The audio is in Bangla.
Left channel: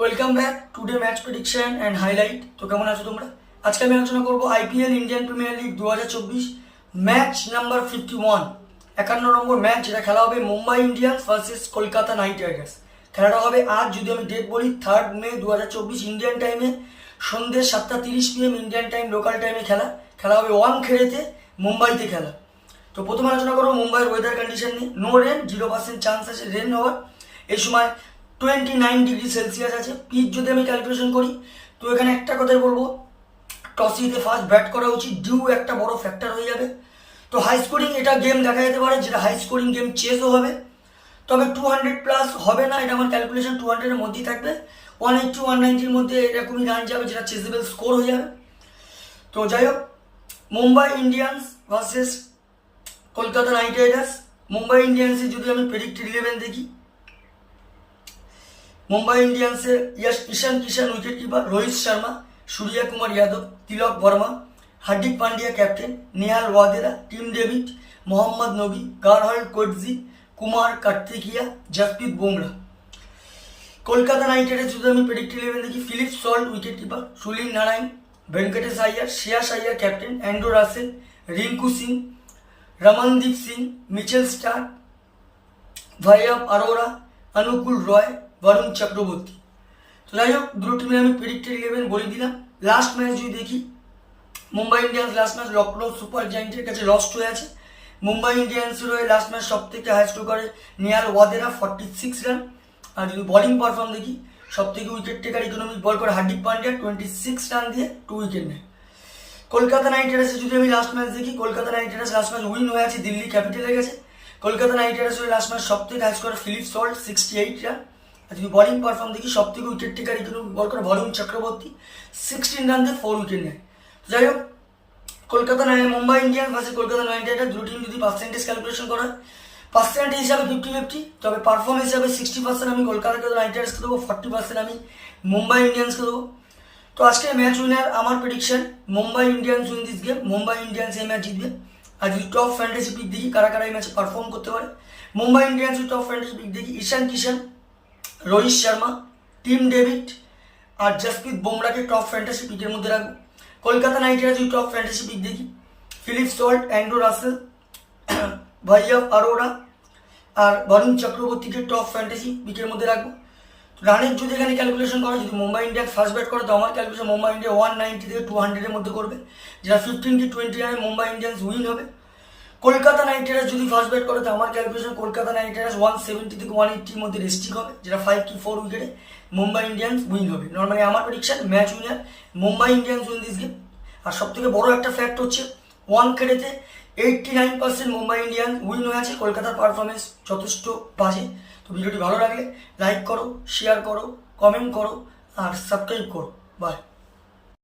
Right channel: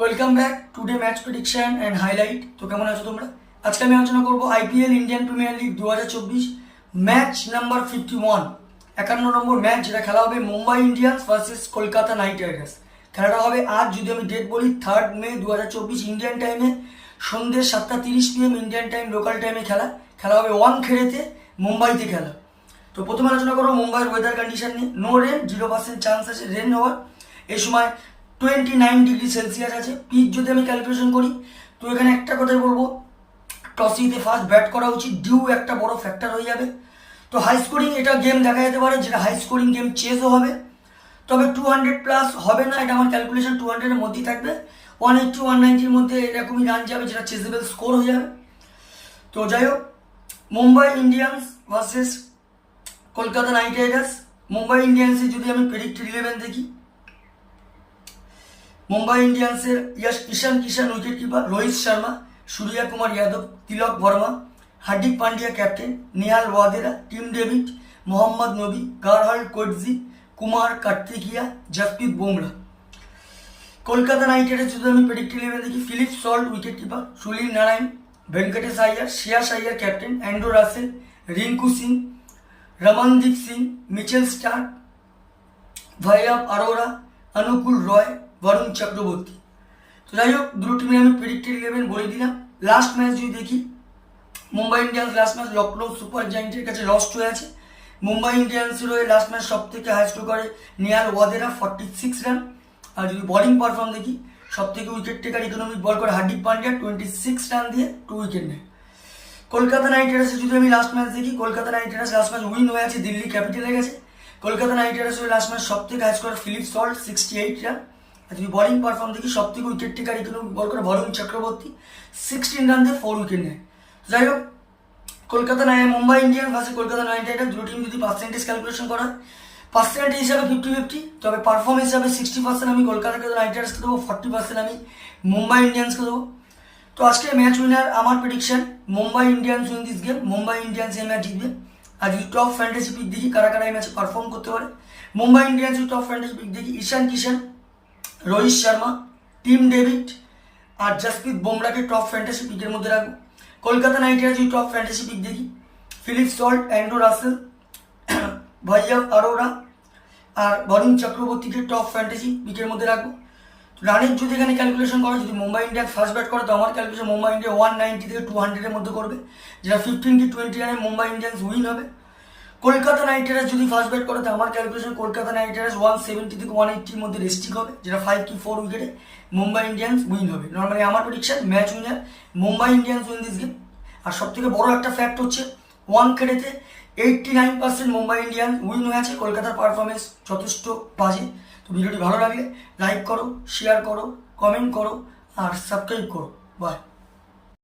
Welcome back today match prediction and highlight. তো কেমন আছো তোমরা? আজকে আমি আলোচনা করবো IPL Indian premier league 2024 match number 51, 51 নম্বর ম্যাচ, যেটা খেলা হবে Mumbai Indians versus Kolkata Knight Riders. খেলাটা হবে আজ, যদি আমি ডেট বলি, 3 মে 2024 ইন্ডিয়ান টাইমে সন্ধ্যে 7:30 PM ইন্ডিয়ান টাইম, লোকাল টাইমে খেলা হবে ওয়াংখেড়েতে, মুম্বাইতে খেলা। তো প্রথমে আলোচনা করবো মুম্বাইয়ের ওয়েদার কন্ডিশন নিয়ে। নো রেন, 0% চান্স আছে রেন হওয়ার। এই সময় 29°C আছে। পিচ যদি আমি ক্যালকুলেশন করি, তো এখানে একটা কথাই বলবো, টস জিতে ফার্স্ট ব্যাট করা উচিত। ডিউ একটা বড় ফ্যাক্টর হয়ে যাবে। তো হাই স্কোরিং এটা গেম দেখা যেতে পারে, যেটা হাই স্কোরিং গেম চেসও হবে, তবে 200+ হবে না, এটা আমার ক্যালকুলেশন 200-এর মধ্যেই থাকবে। 180 190-র মধ্যে এরকমই রান যাবে, যেটা চেসেবল স্কোর হয়ে যাবে। তো যাই হোক, Mumbai Indians versus Kolkata Knight Riders. Mumbai ইন্ডিয়ান্সে যদি আমি প্রেডিক্টেড 11 দেখি, মুম্বাই ইন্ডিয়ান্সের Ishan Kishan wicket keeper, Rohit Sharma, Surya Kumar Yadav, Tilak Varma, Hardik Pandya captain, Nehal Wadhera, Tim David, Mohammad Nabi, গারহাল Coetzee, Kumar Kartikeya, Jasprit Bumrah. Kolkata Knight Riders যদি আমি প্রেডিক্টেড 11 দেখি, Philip Salt wicket keeper, Sunil Narine, Venkatesh Iyer, Shreyas Iyer captain, Andre Russell, Rinku Singh, Ramandeep Singh, Mitchell Starc, ভাইয়াব Arora, অনুকূল রয়, বরুণ চক্রবর্তী। তো যাই হোক, দুটো টিমে আমি প্রেডিক্টেড 11 বলে দিলাম। লাস্ট ম্যাচ যদি দেখি, Mumbai Indians last match Lucknow Super জায়েন্টের কাছে লস্ট হয়ে আছে। মুম্বাই ইন্ডিয়ান্সের হয়ে লাস্ট ম্যাচ সব থেকে হাইস্ট করে নেহাল ওয়াদেরা, 46 রান। আর যদি বোলিং পারফর্ম দেখি, সব থেকে উইকেট টেকার ইকোনমিক বল করে হার্দিক পান্ডিয়া, 26 রান দিয়ে 2 উইকেট নেয়। কলকাতা নাইট রাইডার্সে যদি আমি লাস্ট ম্যাচ দেখি, Kolkata Knight Riders last match win হয়ে আছে দিল্লি ক্যাপিটালের কাছে। কলকাতা নাইট রাইডার্সের লাস্ট ম্যাচ সব থেকে হাইস্ট করে ফিলিপ সল্ট, 68 রান। আর যদি বোলিং পারফর্ম দেখি, সব থেকে উইকেট টেকার ইকোনমিক বল করে বরুণ চক্রবর্তী, 16 রান দিয়ে 4 উইকেট নেয়। যাই হোক, Mumbai Indians versus Kolkata Knight Riders, দুটো টিম যদি পার্সেন্টেজ ক্যালকুলেশন করা হয়, পার্সেন্টেজ হিসাবে 50-50, তবে পারফরমেন্স হিসাবে 60% আমি কলকাতা নাইট রাইডার্সকে দেবো, 40% আমি মুম্বাই ইন্ডিয়ান্সকে দেবো। তো আজকে ম্যাচ উইনার আমার prediction, Mumbai Indians win this game. Mumbai Indians এই ম্যাচ জিতবে। আর যদি টপ ফ্যান্টাসি পিক দেখি, কারা কারা এই ম্যাচে পারফর্ম করতে পারে, Mumbai Indians top fantasy pick দেখি, ঈশান কিষান, রোহিত শর্মা, টিম ডেভিড আর জসপ্রীত বুমরাকে টপ ফ্যান্টাসি পিকের মধ্যে রাখবো। কলকাতা নাইট রাইডার্স যদি টপ ফ্যান্টাসি পিক দেখি, Philip Salt, Andre Russell, Vaibhav Arora আর বরুণ চক্রবর্তীকে টপ ফ্যান্টাসি পিকের মধ্যে রাখবো। রানের যদি এখানে ক্যালকুলেশন করো, যদি মুম্বাই ইন্ডিয়ান্স ফার্স্ট ব্যাট করে, তো আমার ক্যালকুলেশন মুম্বাই ইন্ডিয়া 190 থেকে 200-এর মধ্যে করবে, যেটা 15 কি 20 রানে মুম্বাই ইন্ডিয়ান্স উইন হবে। কলকাতা নাইট রাইডার্স যদি ফার্স্ট ব্যাট করে, তো আমার ক্যালকুলেশন কলকাতা নাইট রাইডার্স 170 থেকে 180-র মধ্যে রেস্টিক হবে, যেটা 5 কি 4 উইকেটে মুম্বাই ইন্ডিয়ান্স উইন হবে। নর্মালি আমার prediction match winner Mumbai Indians win this game. আর সব থেকে বড় একটা ফ্যাক্ট হচ্ছে, ওয়াংখেড়েতে 89% মুম্বাই ইন্ডিয়ান্স উইন হয়েছে। কলকাতার পারফরমেন্স যথেষ্ট বাজে। তো ভিডিওটি ভালো লাগলে লাইক করো, শেয়ার করো, কমেন্ট করো আর সাবস্ক্রাইব করো। বাই।